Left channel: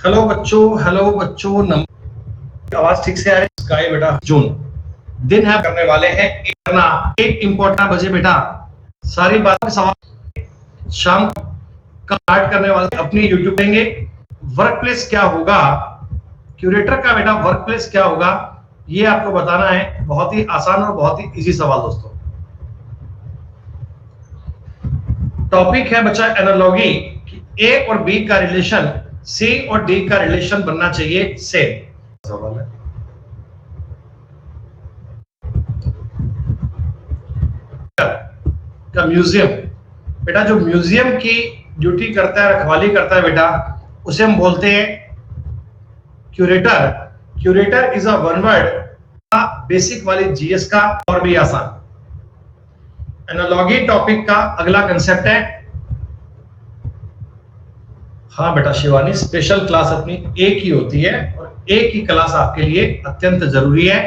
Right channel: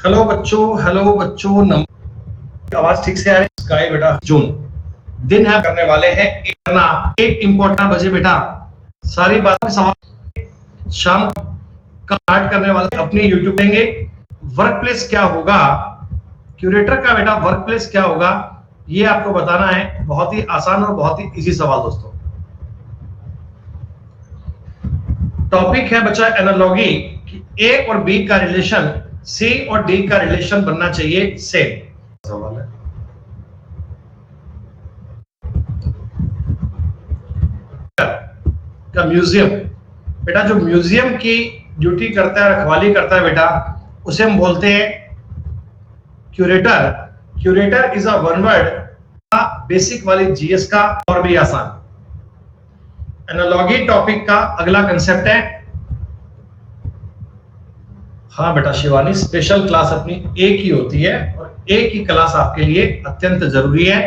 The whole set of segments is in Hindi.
हेलो बच्चों आवाज ठीक से आ रही है? स्काई बेटा जून दिन है करने वाले हैं एक इम्पोर्टेंट बजे बेटा सारी बातें सवाल शाम का स्टार्ट करने वाले अपनी यूट्यूब देंगे। वर्क प्लेस क्या होगा, क्यूरेटर का बेटा वर्क प्लेस क्या होगा, ये आपको बताना है। बहुत ही आसान और बहुत ही इजी सवाल दोस्तों। टॉपिक है बच्चा एनालॉगी कि ए और बी का रिलेशन सी और डी का रिलेशन बनना चाहिए सेम। सवाल है का म्यूजियम बेटा, जो म्यूजियम की ड्यूटी करता है, रखवाली करता है बेटा, उसे हम बोलते हैं curator. Curator is a one word basic वाली जीएस का और भी आसान। एनालॉगी टॉपिक का अगला कंसेप्ट है, हाँ बेटा शिवानी, स्पेशल क्लास अपनी एक ही होती है और एक ही क्लास आपके लिए अत्यंत जरूरी है।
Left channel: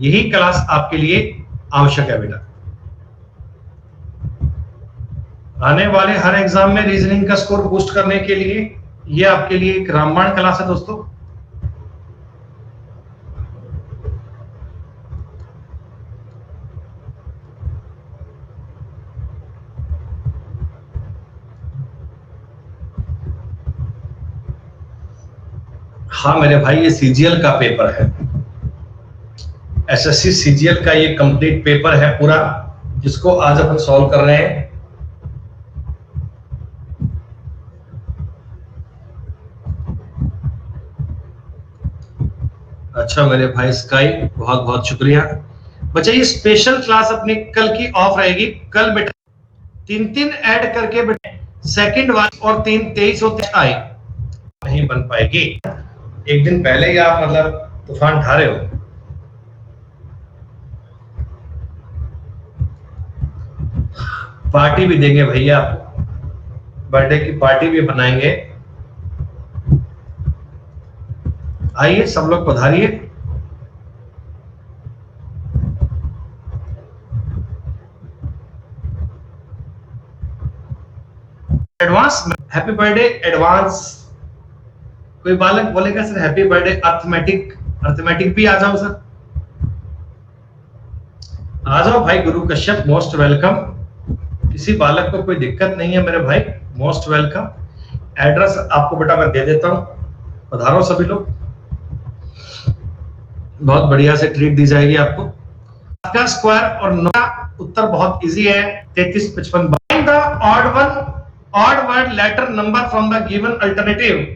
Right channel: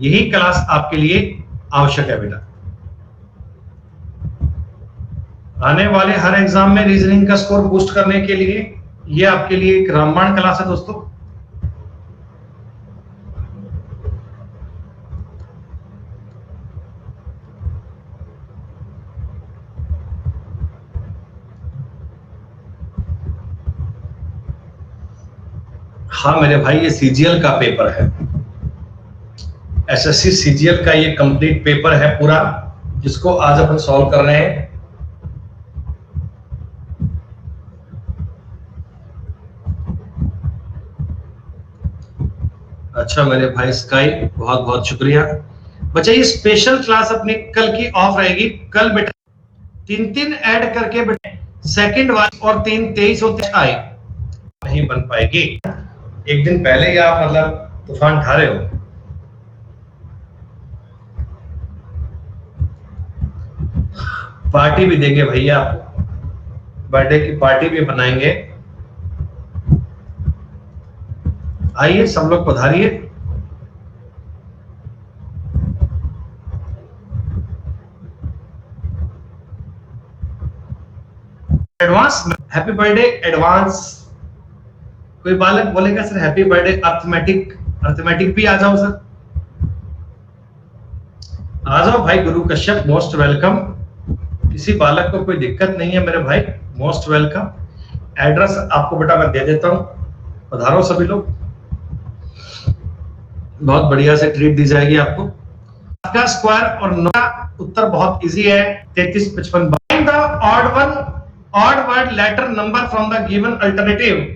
यही क्लास आपके लिए आवश्यक है बेटा। आने वाले हर एग्जाम में रीजनिंग का स्कोर बूस्ट करने के लिए ये आपके लिए एक रामबाण क्लास है दोस्तों। हाँ मेरे भाई, ये सीजीएल का पेपर है, एसएससी सीजीएल का ये कंप्लीट पेपर है पूरा, जिसको आज अपन सॉल्व कर रहे हैं। अच्छा मेरे भाई स्काई, बहुत बहुत शुक्रिया। बच्चा ये स्पेशल क्लास अपनी कल की ऑफ रहेगी। कल बेटा तीन ऐड करके बेटा सेकंड वाली और 3 23 और 23 नहीं बन पाएगी। एक दिन पहले ही आप मतलब तूफान उठा रहे हो। पार्टी भी देंगे भैया आपको, बर्थडे की पार्टी भी बनाएंगे। आइए सब लोग पधारिए। Advance happy birthday advance. कोई बालक बोलेगा सर हैप्पी बर्थडे अर्थमेटिक भी आ जाओ सर, आ जाओ भाई। गुरु कश्यप मोस्ट वेलकम। किसी बालक को कोई दिक्कत नहीं है मेरे भाई, मोस्ट वेलकम। एड्रेस आपको बेटा मैं दे देता हूं, पधारो सभी लोग। बहुत बढ़िया से ट्रीट दी जाएगी आपको। का स्क्वायर और 9 का उत्तर बहुत इजी है, 33 55। Find the odd word letter number from the given alternative.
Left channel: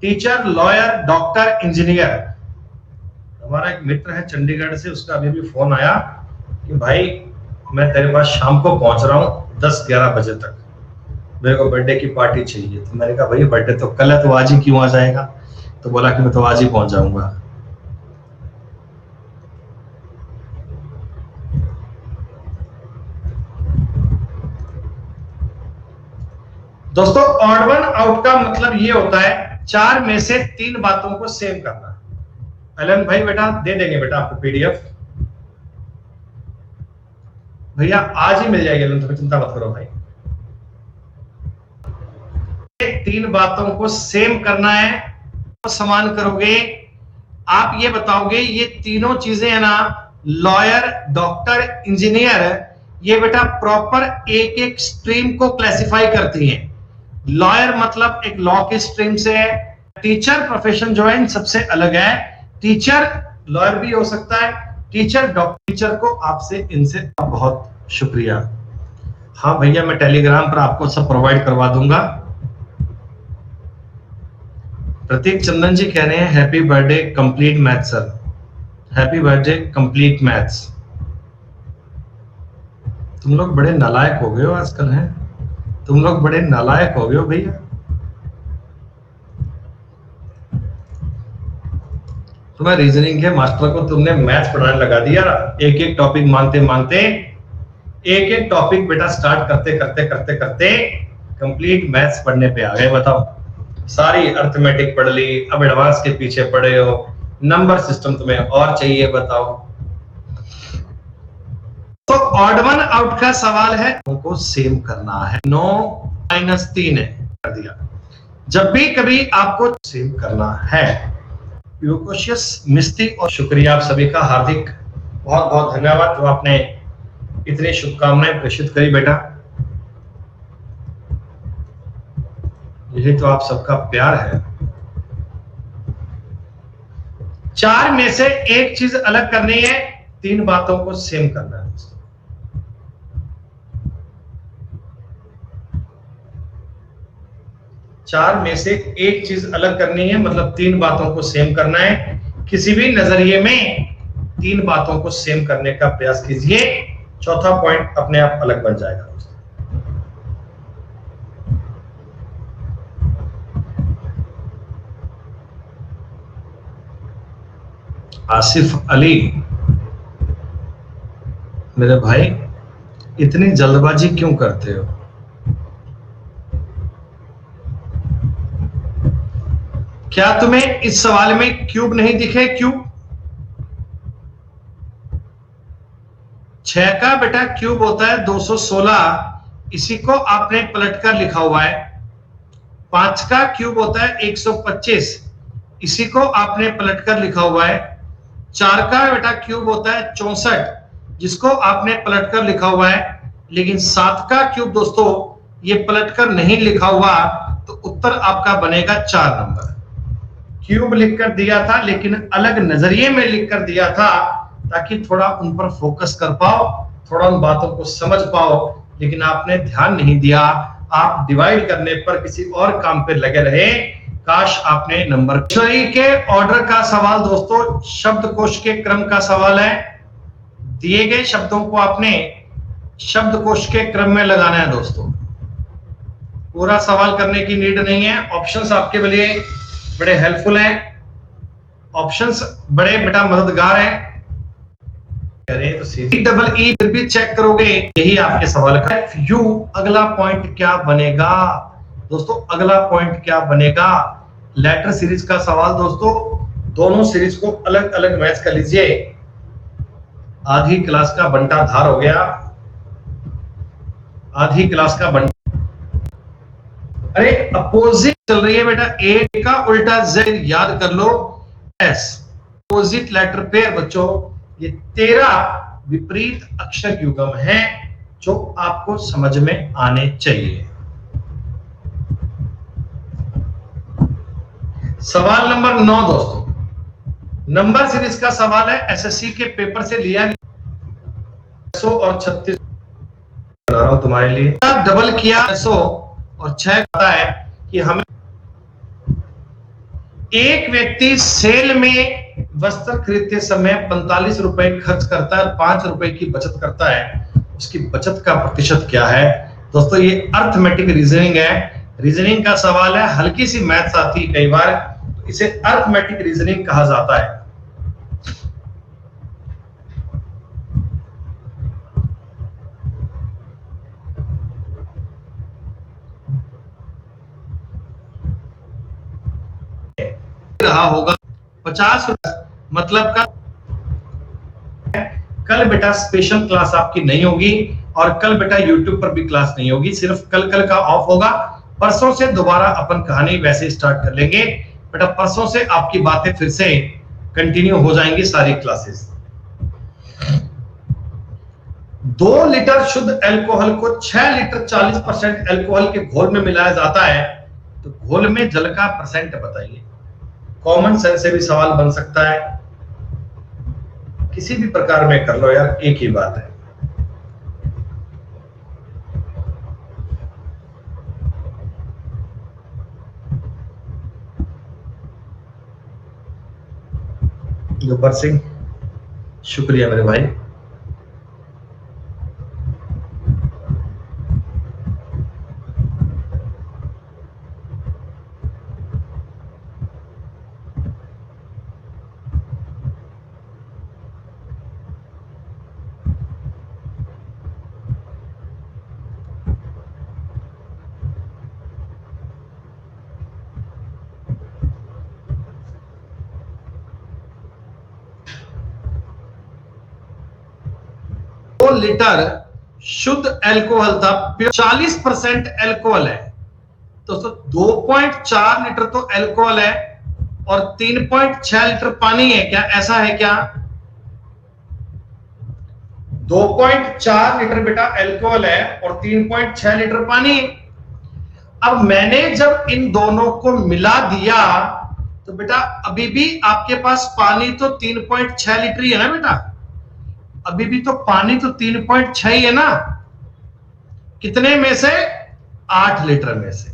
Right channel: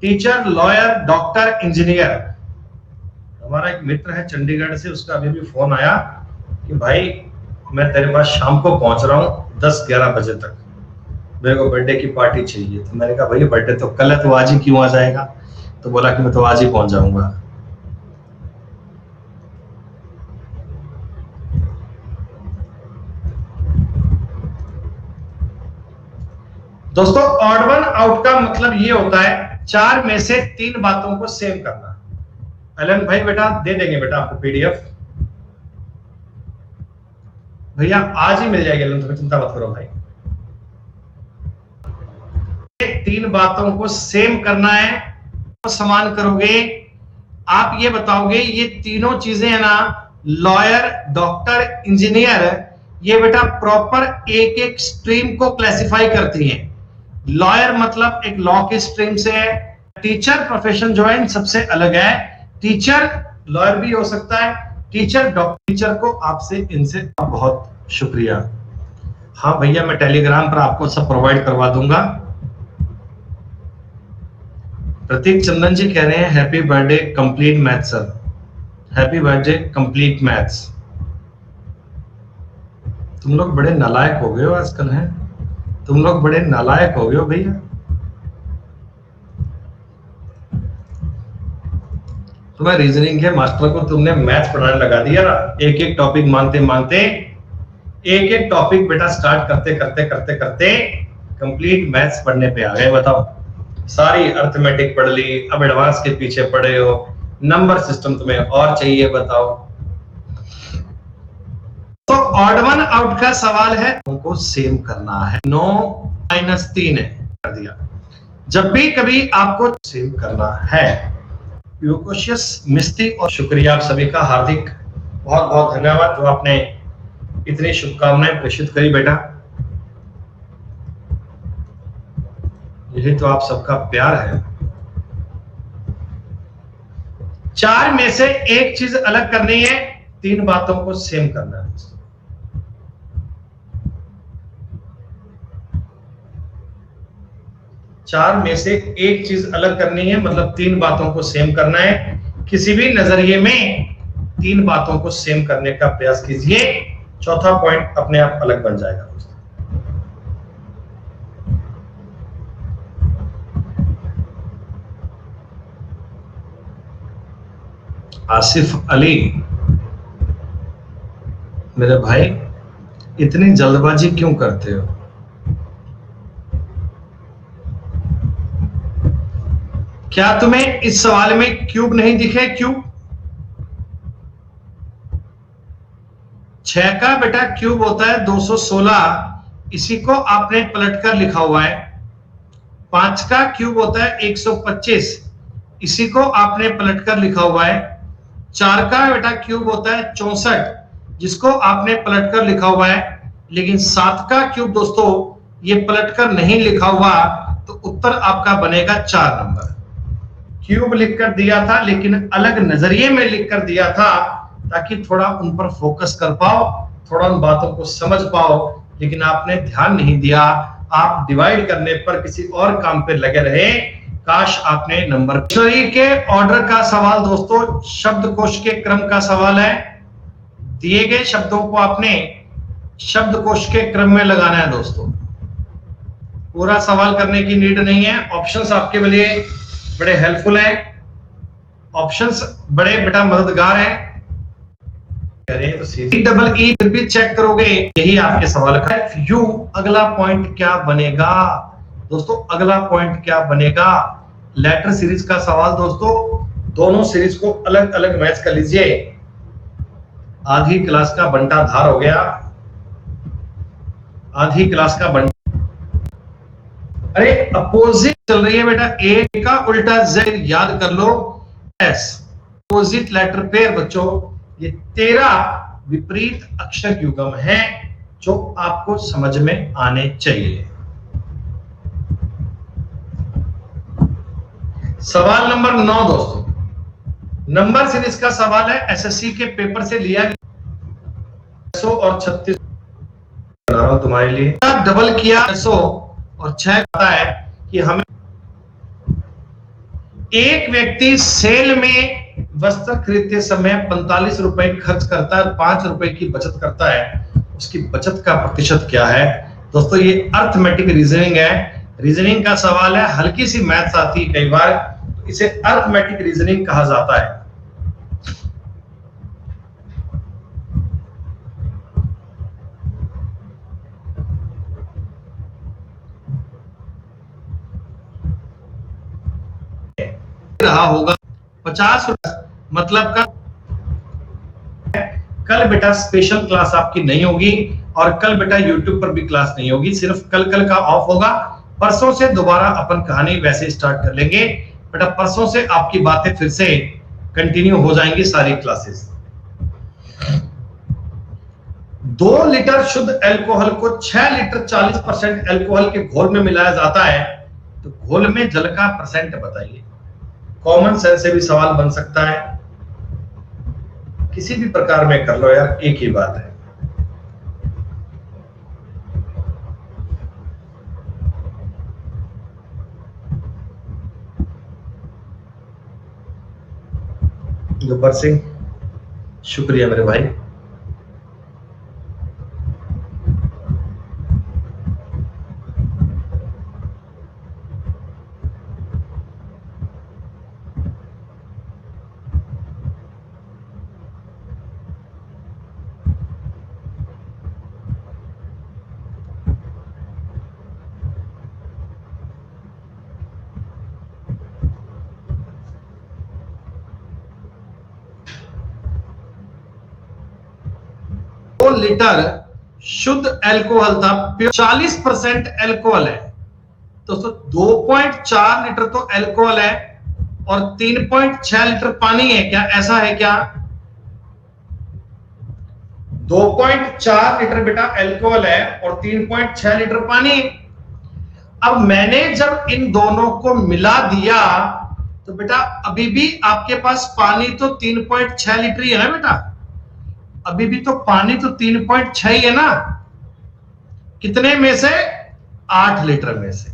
Teacher, lawyer, doctor, engineer. हमारा एक मित्र है चंडीगढ़ से, उसका अभी भी फोन आया कि भाई मैं तेरे पास शाम को पहुंच रहा हूँ 10-11 बजे तक, मेरे को बर्थडे की पार्टी चाहिए। तो मैंने कहा भाई बर्थडे तो कल है, तो आज ही क्यों आ जाएगा? तो बोला कि मैं तो आज ही पहुंच जाऊंगा। दोस्तों ऑड वन आउट का मतलब ये होता है 4 में से 3 बातों को सेम करना। अलन भाई बेटा दे देंगे बेटा आपको पीडीएफ, भैया आज ही मिल जाएगी अलन, तुम्हें चिंता मत करो भाई। 3 बातों को सेम करना है, तो समान करोगे। आप ये बताओगे ये तीनों चीजें है ना, लॉयर, डॉक्टर, इंजीनियर, ये बेटा प्रॉपर एक एक स्ट्रीम को क्लासिफाई करती हैं। लॉयर मतलब एक लॉ की स्ट्रीम से है। टीचर प्रोफेशन जो है इन सबसे अलग है। टीचर लॉयर भी हो सकता है, टीचर डॉक्टर। टीचर को आपसे इनसे बहुत शुक्रिया। हाँ भैया मैं टेलीग्राम पर आपको सब प्रोवाइड करवा दूंगा। प्रतीक चंदन जी कह रहे हैं happy birthday complete math sir, happy birthday complete maths. तुम लोग बड़े नालायक हो गए हो आजकल, हैं तुम लोग बड़े नालायक हो गए हो भैया। तुम्हें रीजनिंग के मास्टर को तुमने मैथ्स पढ़ाने लगा दिया। एक एक टॉपिक मानते मानते, एक एक टॉपिक बेटा स्टार्ट करते करते करते करते कंप्लीट मैथ्स पढ़ने पे आ गए। बताओ, सारी अर्थमेटिक पढ़ ली, अब एडवांस के पीछे पढ़े हो, नंबर सिस्टम तुम्हें और चाहिए। बताओ, तो ऑड वन आउट का सवाल है, उनको सेम करना है। 9 - 3 है कर दिया। जब भी कभी आपको सेव करना है। यूकोशियस मिस्ती और शुक्रिया आप सभी का हार्दिक बहुत बहुत धन्यवाद जो आपने इतनी शुभकामनाएं प्रेषित करी बेटा। यही तो आप सबका प्यार है। 4 में से एक चीज अलग करनी है, 3 बातों को सेम करना है। 4 में से एक चीज अलग करनी है, मतलब 3 बातों को सेम करना है। किसी भी नजरिए में 3 बातों को सेम करने का प्रयास कीजिए, चौथा पॉइंट अपने आप अलग बन जाएगा। आसिफ अली मेरे भाई, इतनी जल्दबाजी क्यों करते हो? क्या तुम्हें इस सवाल में क्यूब नहीं दिखे? क्यूब 6 का बेटा क्यूब होता है 216, इसी को आपने पलटकर लिखा हुआ है। 5 का क्यूब होता है 125, इसी को आपने पलटकर लिखा हुआ है। 4 का बेटा क्यूब होता है 64, जिसको आपने पलटकर लिखा हुआ है। लेकिन 7 का क्यूब दोस्तों ये पलटकर नहीं लिखा हुआ, तो उत्तर आपका बनेगा 4 नंबर। क्यूब लिखकर दिया था लेकिन अलग नजरिए में लिखकर दिया था, ताकि थोड़ा उन पर फोकस कर पाओ, थोड़ा उन बातों को समझ पाओ, लेकिन आपने ध्यान नहीं दिया। आप डिवाइड करने पर किसी और काम पे लगे रहे। काश आपने नंबर। डिक्शनरी के ऑर्डर का सवाल दोस्तों शब्दकोश के क्रम का सवाल है। दिए गए शब्दों को आपने शब्दकोश के क्रम में लगाना है दोस्तों। पूरा सवाल करने की नीड नहीं है, ऑप्शंस आपके लिए बड़े हेल्पफुल हैं, ऑप्शंस बड़े बेटा मददगार हैं। करें तो सीधी डबल ई फिर भी चेक करोगे, यही आपके सवाल का यू। अगला पॉइंट क्या बनेगा दोस्तों? अगला पॉइंट क्या बनेगा? लेटर सीरीज का सवाल दोस्तों। दोनों सीरीज को अलग अलग मैच कर लीजिए। आधी क्लास का बंटा धार हो गया, आधी क्लास का बंटा। अरे अपोजिट चल रही है बेटा, ए का उल्टा जेड याद कर लो, एस अपोजिट लेटर पेयर बच्चों। ये 13 विपरीत अक्षर युग्म है जो आपको समझ में आने चाहिए। सवाल नंबर 9 दोस्तों, नंबर सीरीज का सवाल है, एसएससी के पेपर से लिया गया। 100 और 36 बना रहा हूं तुम्हारे लिए। डबल किया 100 और 6 कहता है कि हमें एक व्यक्ति सेल में वस्त्र खरीदते समय 45 रुपए खर्च करता है, 5 रुपए की बचत करता है। उसकी बचत का प्रतिशत क्या है दोस्तों? ये अर्थमेटिक रीजनिंग है, रीजनिंग का सवाल है। हल्की सी मैथ्स आती है कई बार, तो इसे अर्थमेटिक रीजनिंग कहा जाता है। रहा होगा 50 रुपए मतलब का। कल बेटा स्पेशल क्लास आपकी नहीं होगी, और कल बेटा यूट्यूब पर भी क्लास नहीं होगी, सिर्फ कल का ऑफ होगा। परसों से दोबारा अपन कहानी वैसे स्टार्ट कर लेंगे बेटा। परसों से आपकी बातें फिर से कंटिन्यू हो जाएंगी सारी क्लासेस। 2 लीटर शुद्ध अल्कोहल को 6 लीटर 40% अल्कोहल के घोल में मिलाया जाता है, तो घोल में जल का परसेंट बताइए। कॉमन सेंस से भी सवाल बन सकता है, किसी भी प्रकार में कर लो यार, एक ही बात है। गब्बर सिंह शुक्रिया मेरे भाई। लीटर शुद्ध अल्कोहल था, 40% अल्कोहल है। दोस्तों 2.4 लीटर तो अल्कोहल है और 3.6 लीटर पानी है क्या? ऐसा है क्या? 2.4 लीटर बेटा अल्कोहल है और 3.6 लीटर पानी। अब मैंने जब इन दोनों को मिला दिया तो बेटा अभी भी आपके पास पानी तो 3.6 लीटर ही है ना बेटा, अभी भी तो पानी तो 3.6 ही है ना। कितने में से? 8 लीटर में से।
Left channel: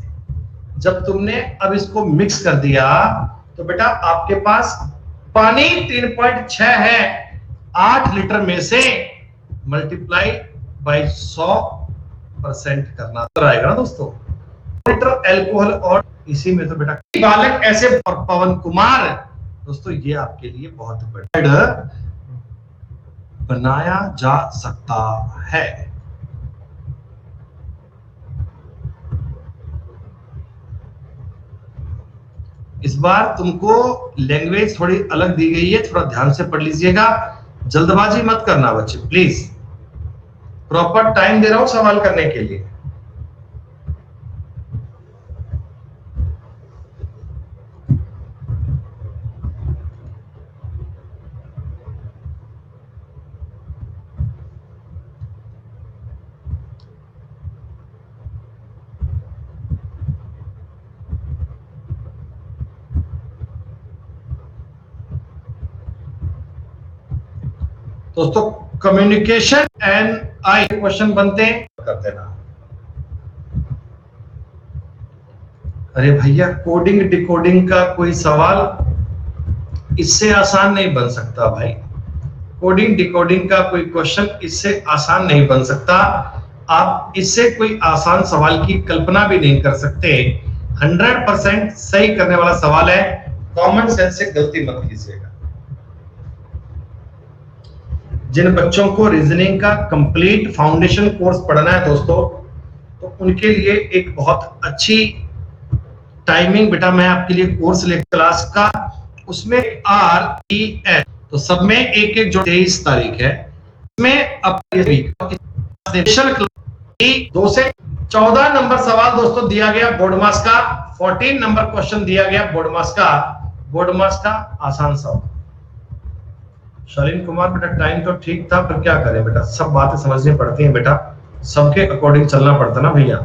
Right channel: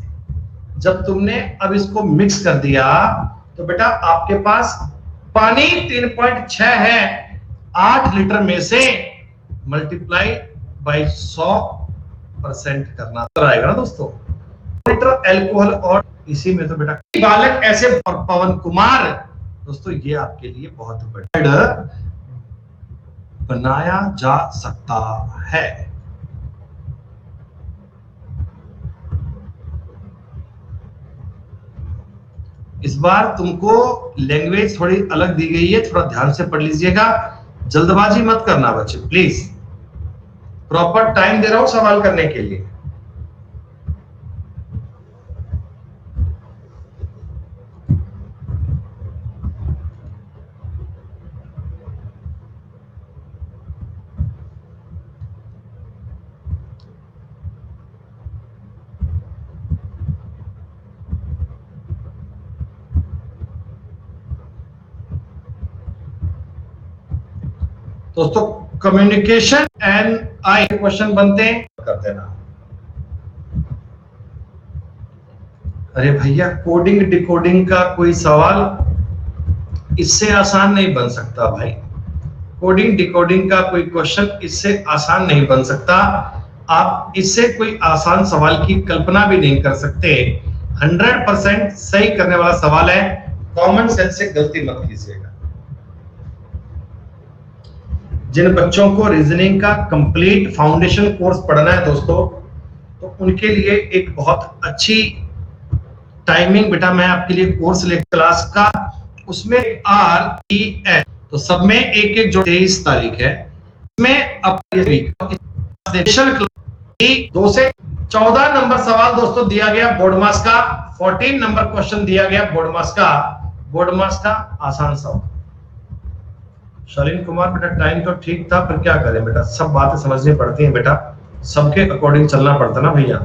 जब तुमने अब इसको मिक्स कर दिया तो बेटा आपके पास पानी 3.6 है, 8 लीटर में से मल्टीप्लाई बाई 100% करना आएगा ना दोस्तों। लीटर अल्कोहल और इसी में तो बेटा बालक ऐसे और पवन कुमार दोस्तों ये आपके लिए बहुत बड़ा बनाया जा सकता है। इस बार तुमको लैंग्वेज थोड़ी अलग दी गई है, थोड़ा ध्यान से पढ़ लीजिएगा, जल्दबाजी मत करना बच्चे प्लीज, प्रॉपर टाइम दे रहा हूं सवाल करने के लिए। दोस्तों कम्युनिकेशन एंड आई क्वेश्चन बनते हैं, कर देना। अरे भैया कोडिंग डिकोडिंग का कोई सवाल इससे आसान नहीं बन सकता भाई, कोडिंग डिकोडिंग का कोई क्वेश्चन इससे आसान नहीं बन सकता। आप इससे कोई आसान सवाल की कल्पना भी नहीं कर सकते। 100% सही करने वाला सवाल है, कॉमन सेंस से गलती मत कीजिएगा। जिन बच्चों को रीजनिंग का कंप्लीट फाउंडेशन कोर्स पढ़ना है दोस्तों, तो उनके लिए एक बहुत अच्छी टाइमिंग बेटा मैं आपके लिए कोर्स ले क्लास का, उसमें RES तो सब में एक एक जो 23 तारीख है में अब स्पेशल 2 से 14 नंबर सवाल दोस्तों दिया गया बोर्ड मास का, 14 नंबर क्वेश्चन दिया गया बोर्ड मास का आसान सवाल। शालीन कुमार बेटा टाइम तो ठीक था पर क्या करें बेटा, सब बातें समझनी पड़ती हैं बेटा, सबके अकॉर्डिंग चलना पड़ता ना भैया।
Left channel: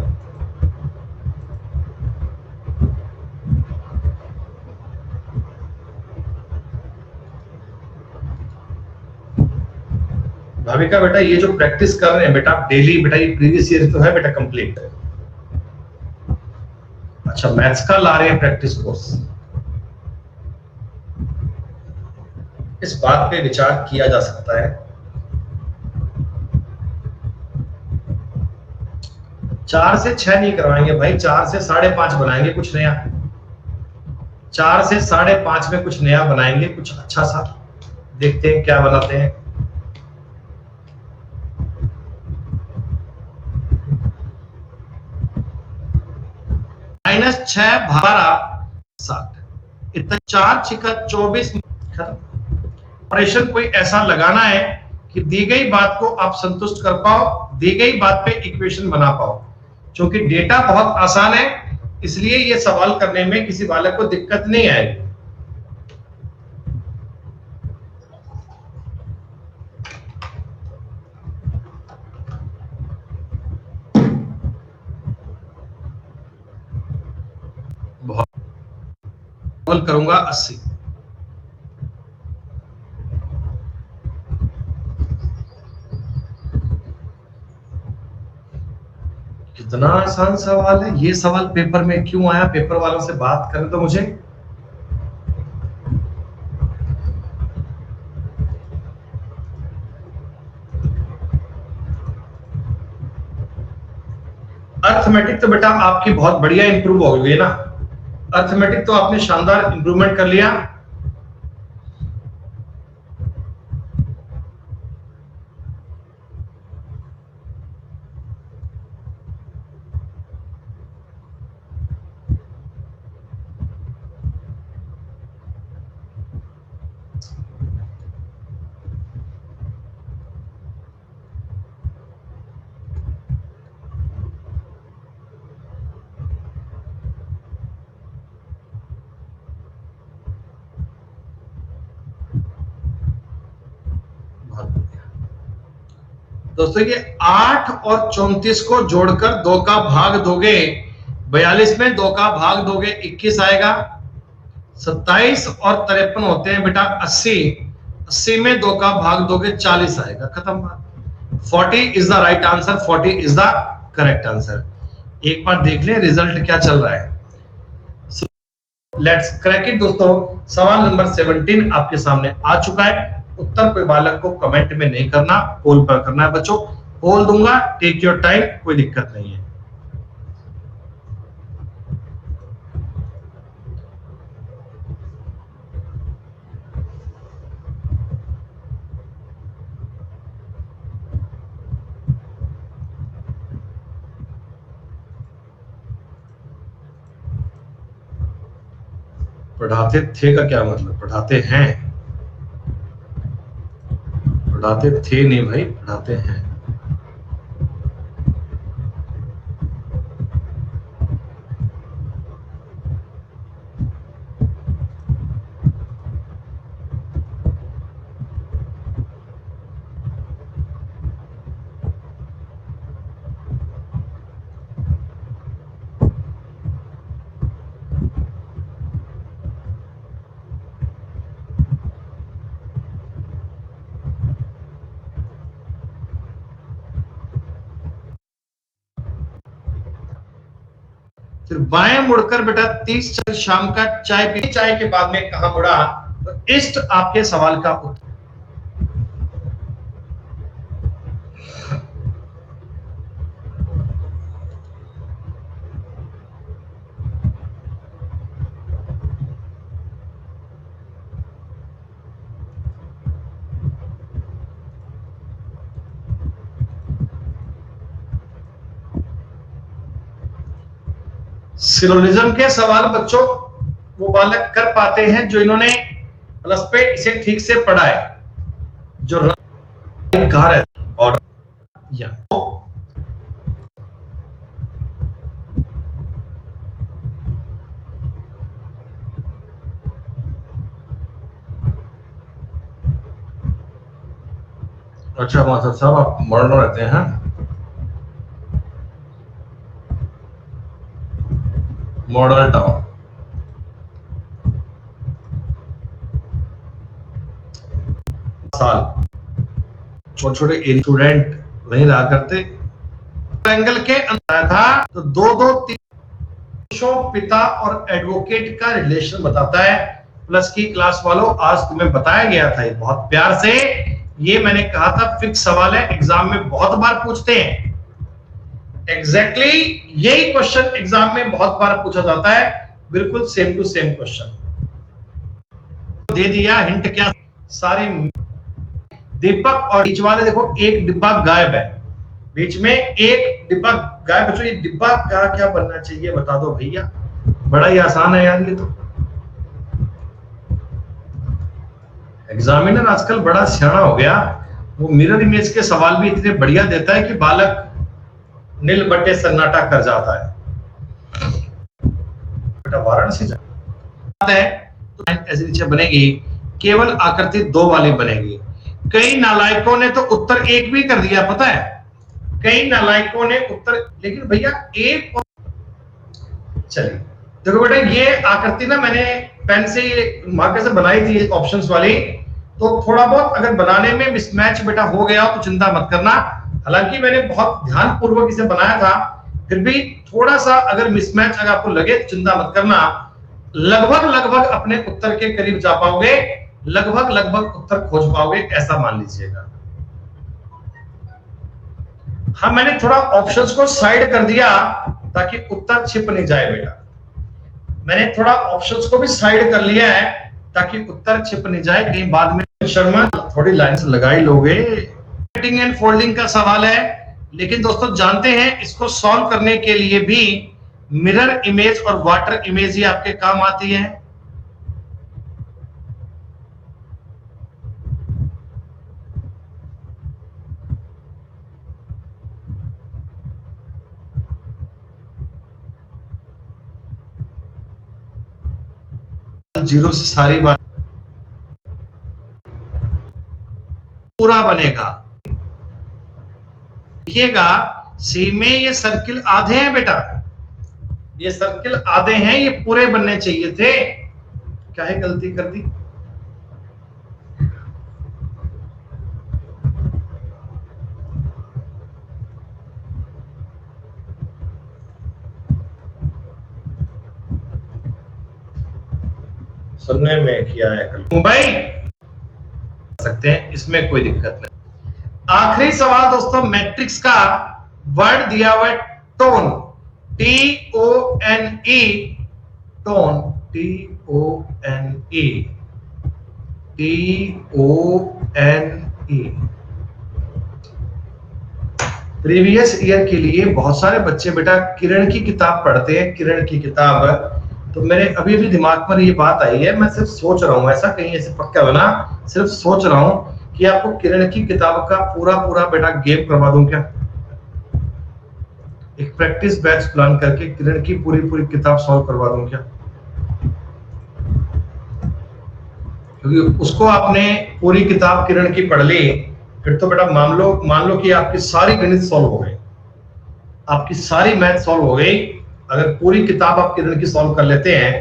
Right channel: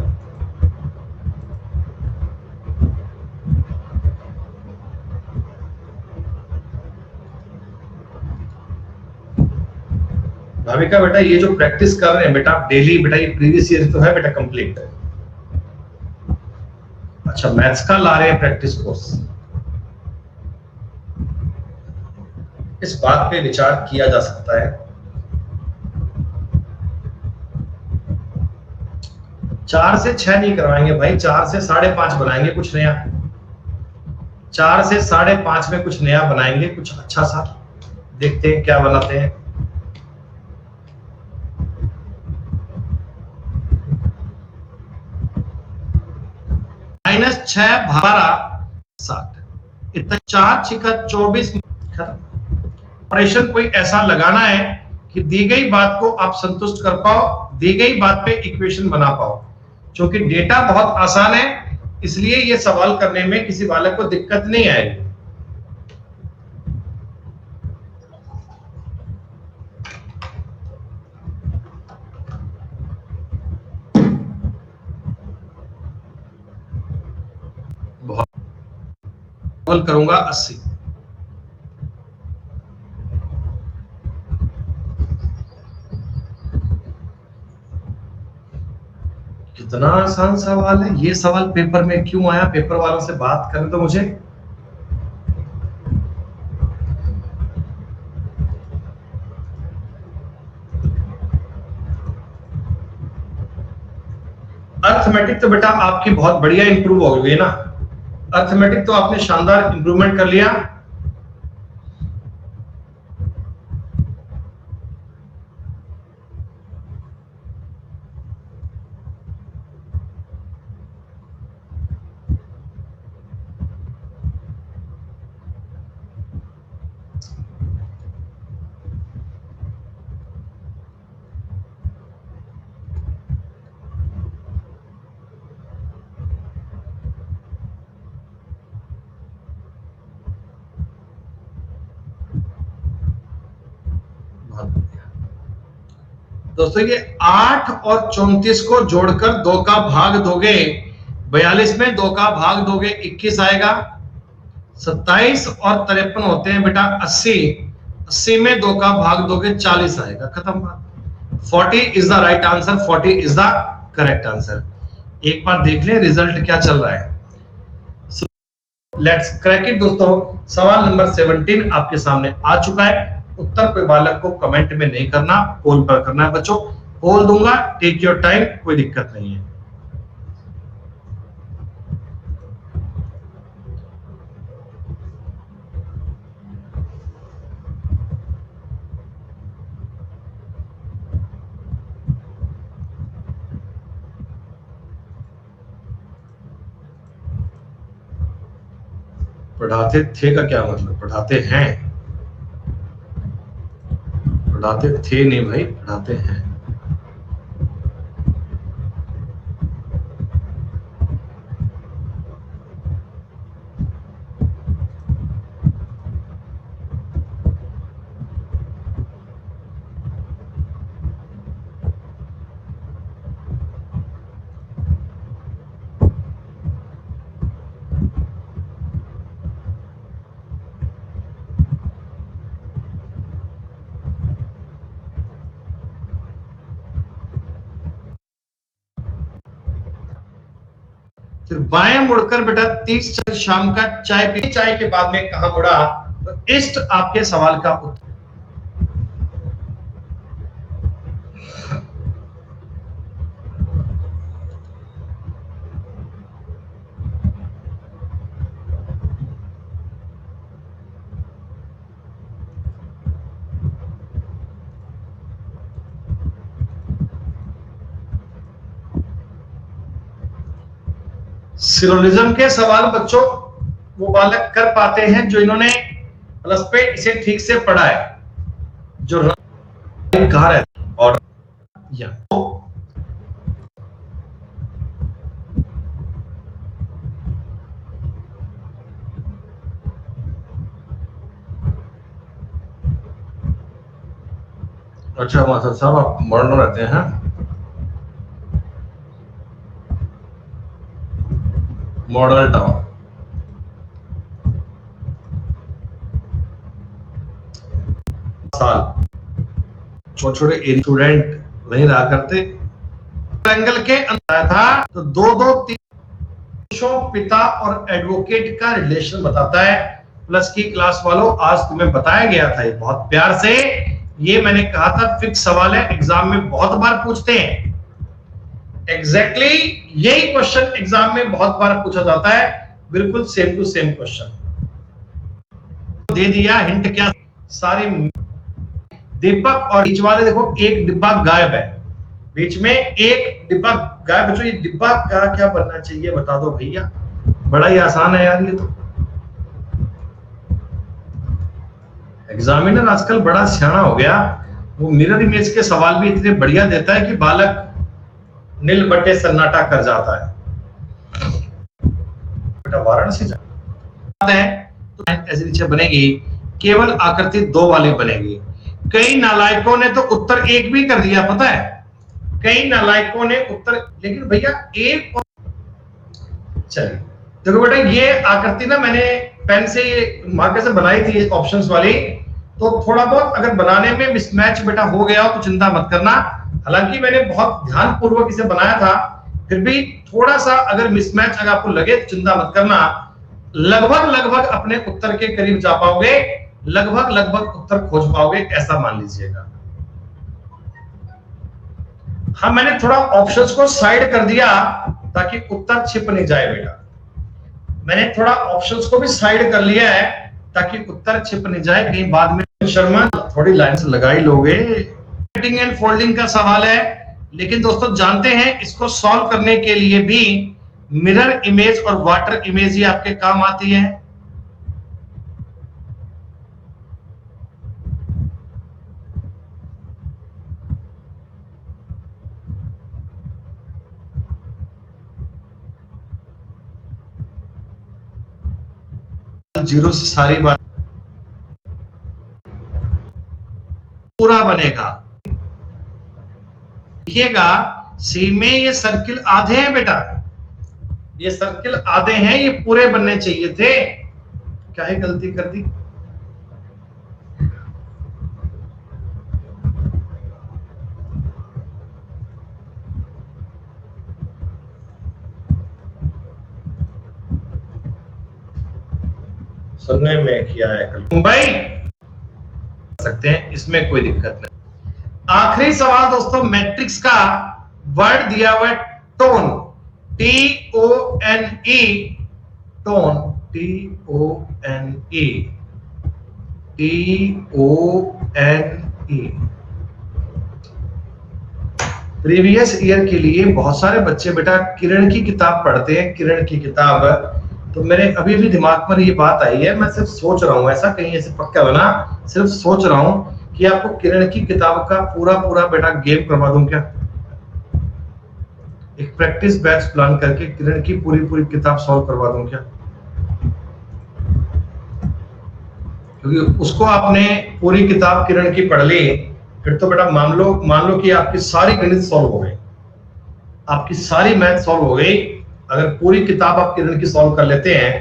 भाविका बेटा ये जो प्रैक्टिस कर रहे हैं बेटा डेली बेटा, ये प्रीवियस ईयर तो है बेटा कंप्लीट। अच्छा मैथ्स का ला रहे हैं प्रैक्टिस कोर्स, इस बात पे विचार किया जा सकता है। 4 से 6 नहीं करवाएंगे भाई, 4 से 5.5 बनाएंगे कुछ नया, 4 से 5.5 में कुछ नया बनाएंगे, कुछ अच्छा सा देखते हैं क्या बनाते हैं। -6 12 60 इतना 4 6 24 खत्म। ऑपरेशन कोई ऐसा लगाना है कि दी गई बात को आप संतुष्ट कर पाओ, दी गई बात पे इक्वेशन बना पाओ। क्योंकि डेटा बहुत आसान है इसलिए ये सवाल करने में किसी बालक को दिक्कत नहीं आएगी। बहुत करूंगा 80। कितना आसान सवाल है ये, सवाल पेपर में क्यों आया, पेपर वालों से बात करें तो मुझे। अर्थमेटिक तो बेटा आपकी बहुत बढ़िया इंप्रूव हो गई ना, अर्थमेटिक तो आपने शानदार इंप्रूवमेंट कर लिया। दोस्तों ये 8 और 34 को जोड़कर 2 का भाग दोगे 42 में 2 का भाग दोगे 21 आएगा। 27 और 53 होते हैं बेटा 80, 80 में 2 का भाग दोगे 40 आएगा। खत्म बात। 40 is the right answer, 40 is the correct answer. एक बार देख लें रिजल्ट क्या चल रहा है। लेट्स क्रैक इट दोस्तों। सवाल नंबर 17 आपके सामने आ चुका है। उत्तर कोई बालक को कमेंट में नहीं करना, पोल पर करना है बच्चों। पोल दूंगा, टेक योर टाइम, कोई दिक्कत नहीं है। पढ़ाते थे का क्या मतलब? पढ़ाते हैं, पढ़ाते थे नहीं भाई, पढ़ाते हैं। फिर बाएं मुड़कर बेटा 30 शाम का चाय पी, चाय के बाद में कहां मुड़ा? तो इस्ट आपके सवाल का उत्तर। सिलोनिज्म के सवाल बच्चों वो बालक कर पाते हैं जो इन्होंने प्लस पे इसे ठीक से पढ़ा है, जो कहा है और या अच्छा मास्टर साहब आप मॉडर्न रहते हैं? मॉडल टाउन साल छोटे छोटे स्टूडेंट नहीं रहा करते। एंगल के अंदर था तो 2-2-3 पिता और एडवोकेट का रिलेशन बताता है। प्लस की क्लास वालों आज तुम्हें बताया गया था ये बहुत प्यार से। ये मैंने कहा था फिक्स सवाल है, एग्जाम में बहुत बार पूछते हैं। एग्जैक्टली यही क्वेश्चन एग्जाम में बहुत बार पूछा जाता है, बिल्कुल सेम टू सेम क्वेश्चन दे दिया। हिंट क्या? सारे दीपक और बीच वाले देखो एक डिब्बा गायब है, बीच में एक डिब्बा गायब। बच्चों ये डिब्बा का क्या बनना चाहिए बता दो भैया, बड़ा ही आसान है यार ये तो। एग्जामिनर आजकल बड़ा सियाना हो गया, वो मिरर इमेज के सवाल भी इतने बढ़िया देता है कि बालक नील बट्टे सन्नाटा कर जाता है। बेटा वाराणसी है तो ऐसे नीचे बनेगी, केवल आकृति 2 वाली बनेगी। कई नालायकों ने तो उत्तर 1 भी कर दिया, पता है कई नालायकों ने उत्तर, लेकिन भैया 1 चलिए देखो बेटा ये आकृति ना मैंने पेन से मार्कर से बनाई थी ऑप्शंस वाली, तो थोड़ा बहुत अगर बनाने में मिसमैच बेटा हो गया तो चिंता मत करना। हालांकि मैंने बहुत ध्यान पूर्वक इसे बनाया था, फिर भी थोड़ा सा अगर मिसमैच अगर आपको लगे तो चिंता मत करना। लगभग लगभग अपने उत्तर के करीब जा पाओगे, लगभग लगभग उत्तर खोज पाओगे, ऐसा मान लीजिएगा। हाँ मैंने थोड़ा ऑप्शंस को साइड कर दिया ताकि उत्तर छिप नहीं जाए बेटा। मैंने थोड़ा ऑप्शंस को भी साइड कर लिया है ताकि उत्तर छिप नहीं जाए कहीं बाद में। शर्मा थोड़ी लाइंस लगा ही लोगे। राइटिंग एंड फोल्डिंग का सवाल है, लेकिन दोस्तों जानते हैं इसको सॉल्व करने के लिए भी मिरर इमेज और वाटर इमेज ही आपके काम आती है। जीरो से सारी बात पूरा बनेगा। देखिएगा सी में ये सर्किल आधे हैं बेटा, ये सर्किल आधे हैं, ये पूरे बनने चाहिए थे। क्या है गलती कर दी? सुनने में किया है कल मुंबई सकते हैं, इसमें कोई दिक्कत नहीं। आखिरी सवाल दोस्तों, मैट्रिक्स का वर्ड दिया हुआ है tone, TONE, tone, TONE, TONE। Previous year के लिए बहुत सारे बच्चे बेटा किरण की किताब पढ़ते हैं, किरण की किताब। तो मेरे अभी भी दिमाग पर ये बात आई है, मैं सिर्फ सोच रहा हूँ, ऐसा कहीं ऐसे पक्का बना, सिर्फ सोच रहा हूँ कि आपको किरण की किताब का पूरा पूरा बेटा गेम करवा दूं क्या, एक प्रैक्टिस बैच प्लान करके किरण की पूरी पूरी किताब सॉल्व करवा दूं क्या, क्योंकि उसको आपने पूरी किताब किरण की पढ़ ली, फिर तो बेटा मान लो कि आपकी सारी गणित सॉल्व हो गई, आपकी सारी मैथ सॉल्व हो गई। अगर पूरी किताब आप किरण की सॉल्व कर लेते हैं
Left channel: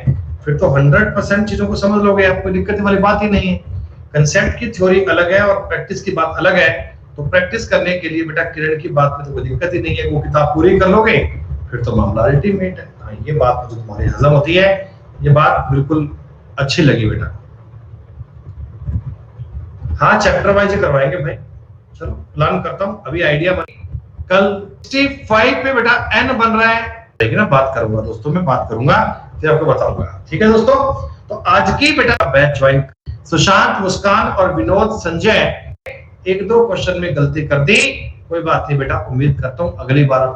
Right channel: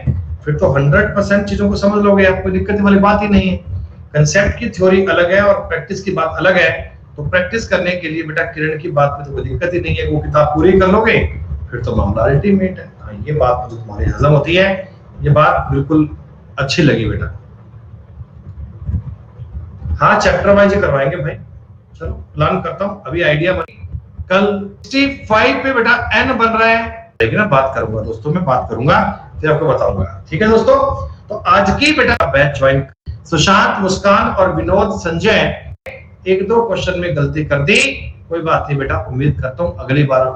फिर तो 100% चीजों को समझ लोगे, आपको दिक्कत वाली बात ही नहीं है। कंसेप्ट की थ्योरी अलग है और प्रैक्टिस की बात अलग है, तो प्रैक्टिस करने के लिए बेटा किरण की बात में तो कोई दिक्कत ही नहीं है, वो किताब पूरी कर लोगे फिर तो मामला अल्टीमेट है। हाँ, ये बात जो तुम्हारी हजम होती है, ये बात बिल्कुल अच्छी लगी बेटा। हाँ, चैप्टर वाइज करवाएंगे भाई, चलो प्लान करता हूँ, अभी आइडिया बनी। कल 65 पे बेटा n बन रहा है, लेकिन ना बात करूंगा दोस्तों, मैं बात करूंगा फिर आपको बताऊंगा, ठीक है दोस्तों। तो आज की बेटा बैच ज्वाइन, सुशांत, मुस्कान और विनोद, संजय, एक दो क्वेश्चन में गलती कर दी, कोई बात नहीं बेटा, उम्मीद करता हूं अगली बार